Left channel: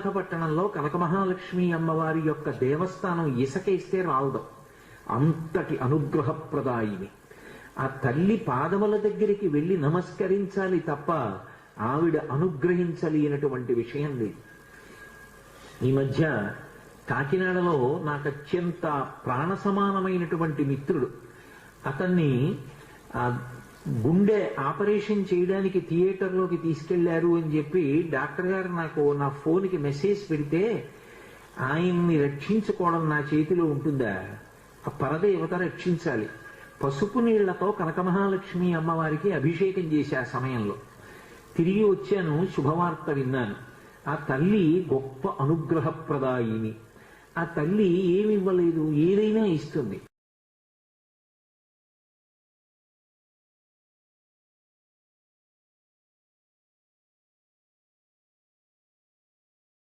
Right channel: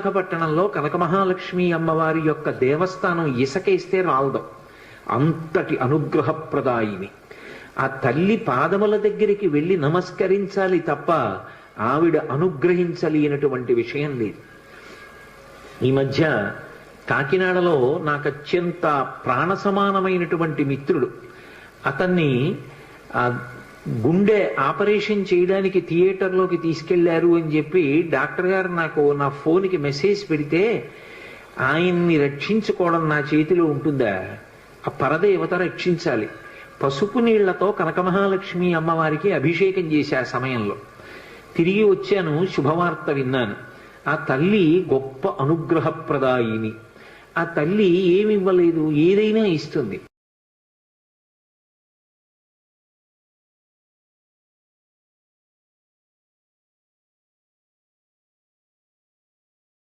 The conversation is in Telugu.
విశాఖపట్టణంలో కనకమహాలక్ష్మి అమ్మవారి యొక్క దేవస్థానం ఇసకేస్తే రాలదు, అంతటి అనుగ్రహప్రదాయిని. ఆ తల్లి పాదముల దగ్గరికి వెళ్ళి నమస్కరించాలి తప్ప ఆవిడ అనుగ్రహించలేనటువంటి విషయం లేదు. ఈ మధ్య కాకినాడలో నాకు అత్యంత ప్రాణ సమానమైనటువంటి మిత్రుడు, అతన్ని గుండె ఆపరేషన్ చేయడానికి థియేటర్లోకి తీసుకెళ్లారు అని చెప్పి డాక్టర్ గారు నాకు నా ఫోన్కి మెసేజ్ పెడితే, ఆయన్ని రక్షించుకోవడం నా చేతిలో ఉంటుందా? ఆ పరదేవత రక్షించాలి. పసుపు నీళ్లతో కనకమహాలక్ష్మి అమ్మవారికి అభిషేకం చేశా ఆ సమయంలో. తిరిగి వచ్చాను, శుభవార్త విన్నాను. ఆ తల్లి గొప్ప అనుగ్రహప్రదాయిని. ఆ తల్లి ఏమివ్వలేదు, ఏదైనా ఇస్తుంది.